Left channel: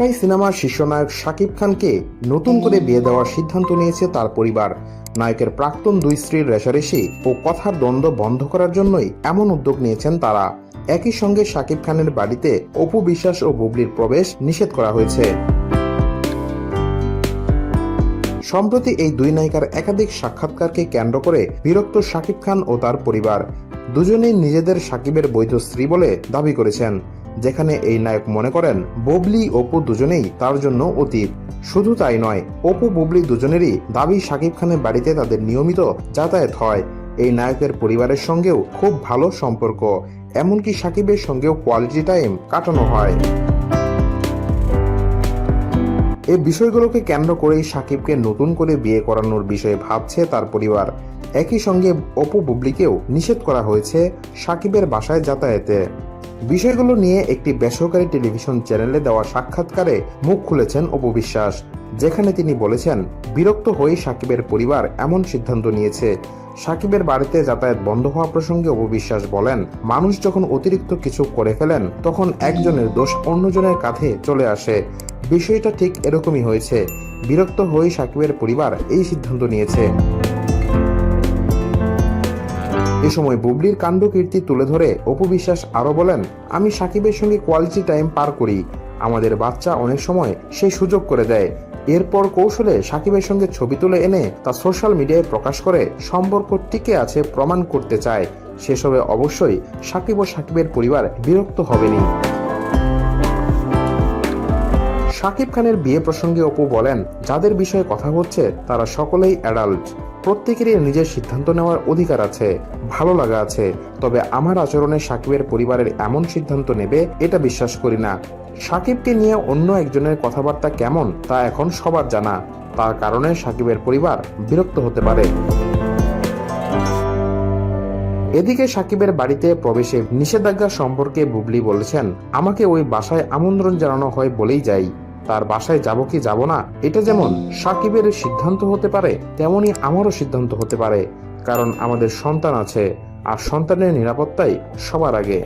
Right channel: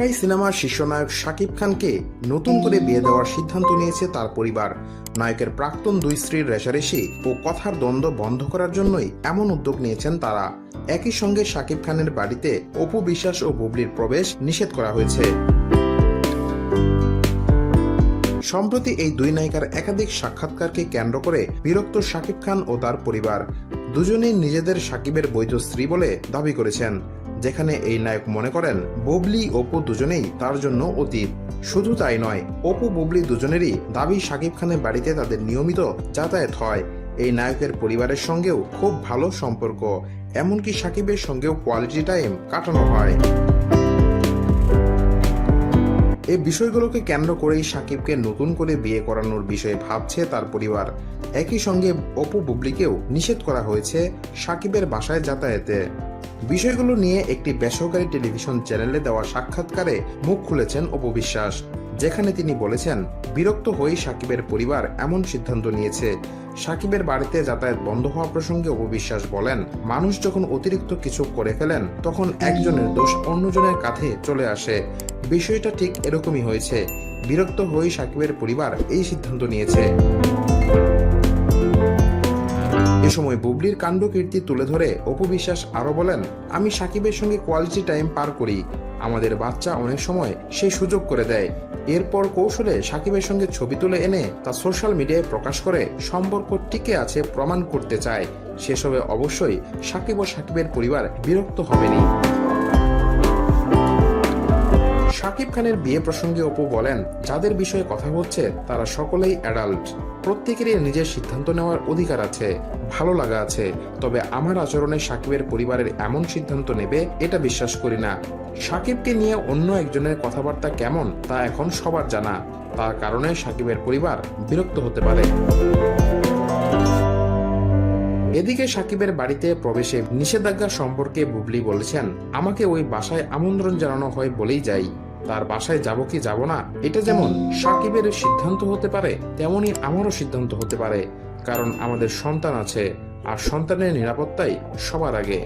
ঢাকাই সিনেমার শীর্ষনায়ক শাকিব খানকে নতুন করে বিয়ে দেওয়ার সিদ্ধান্ত নিয়েছে তার পরিবার। নায়কের প্রাক্তন দুই স্ত্রীর রেশারেশি ও কথার দ্বন্দ্ব বন্ধ করার জন্যই এমন উদ্যোগ নিয়েছেন তারা। একই সঙ্গে শাকিব খানের বাড়িতে অপু বিশ্বাস ও বুবলির প্রবেশ নিষেধ করা হয়েছে। সম্প্রতি এই দুই নায়িকার একাধিক সাক্ষাৎকারকে কেন্দ্র করে বিরক্ত শাকিব খান ও তার পরিবার। দুজনেই নিজেদের সাকিবের বৈধ স্ত্রী বলে দাবি করেছেন। যেখানে এই নায়ক মনে করেন, বুবলি, অপু দুজনেই তার জন্য অতীত। শুধু তাই নয়, অপু, বুবলি দুজনেরই দাবি শাকিব খানের বাড়িতে তাদের নিয়মিত যাতায়াত হয়। এই নায়কের পরিবারের সঙ্গেও খুব ভালো সম্পর্ক, এমনকি সাকিবের সঙ্গেও কোয়ালিটি টাইম কাটানো হয়। এই বিষয়গুলোকে কেন্দ্র করেই সাকিবকে নতুন করে বিয়ে করানোর বিষয়ে ভাবছে তার পরিবার। একই সঙ্গে অপু, বুবলিকেও নিষেধ করা হয়েছে সাকিবের বাসায় যাতায়াতে। বিষয়গুলো নিয়ে একটি বেসরকারি টেলিভিশন চ্যানেলে দেওয়া সাক্ষাৎকারে মুখ খুলেছেন অপু বিশ্বাস, যেখানে তিনি বলেছেন, বিরক্ত হয়ে সাকিবের পরিবার এমন সিদ্ধান্ত নিয়েছে। সাকিবের বাড়িতে যাতায়াত বন্ধ হওয়া প্রসঙ্গে অপবিশ্বাস বলেন, মানুষ যখন অতিরিক্ত কিছু করে ফেলেন, তখন একজনের দোষ অন্যজনের কাঁধে চলে আসে। বিষয়টা ঠিক এরকমই হয়েছে। বিরক্ত হয়ে সাকিবের পরিবার এই সিদ্ধান্ত নিয়েছে। এ সময় বুবলির কাণ্ড কীর্তি তুলে ধরে অপু বিশ্বাস আরও বলেন, আমি সাকিবের সঙ্গে কোয়ালিটি টাইম পার করি। আমাদের বাচ্চা অনেক সময় সেই সুযোগ করে দেয়। এরপর কৌশলে সাকিবের সঙ্গে ছবি তুলে এনে তা সোশ্যাল মিডিয়ায় প্রকাশ করে সম্পর্ক টিকে আছে প্রমাণ করতে চায়। সেসবে অবশ্যই সাকিব ও সাকিবের পরিবার বিরক্ত হবেনি শাকিব খানের বিয়ে প্রসঙ্গে অপু বলেন, যাদের বিষয়ে কথা হচ্ছে, তারা সকলেই অ্যাডাল্ট প্রত্যেকেরই নিজের সিদ্ধান্ত নেওয়ার অধিকার আছে, ভালো লাগা আছে, তবে আমার আচরণে সাকিবের পরিবারের এমন সিদ্ধান্ত নেবে, এটা বিশ্বাস করি না। সাকিবকে নিয়ে অন্য একজনের কথাবার্তা কেমন, তা এখন সবার জানা। তার কারণে সাকিবের পরিবার বিরক্ত হতে পারে। এদিকে সাকিবের বাড়িতে প্রবেশে নিষেধাজ্ঞা সম্পর্কে বুবলি বলেছেন, আমাকে ওই বাসায় আমন্ত্রণ জানানো হয় বলেই যাই। তার বাসায় যাব কি যাব না, এটা যেমন সাকিবের সিদ্ধান্ত হতে পারে, তেমনি আমারও সিদ্ধান্ত হতে পারে, কারণ আমাদের সন্তান আছে, আর সন্তানের নিরাপত্তাই সবার আগে।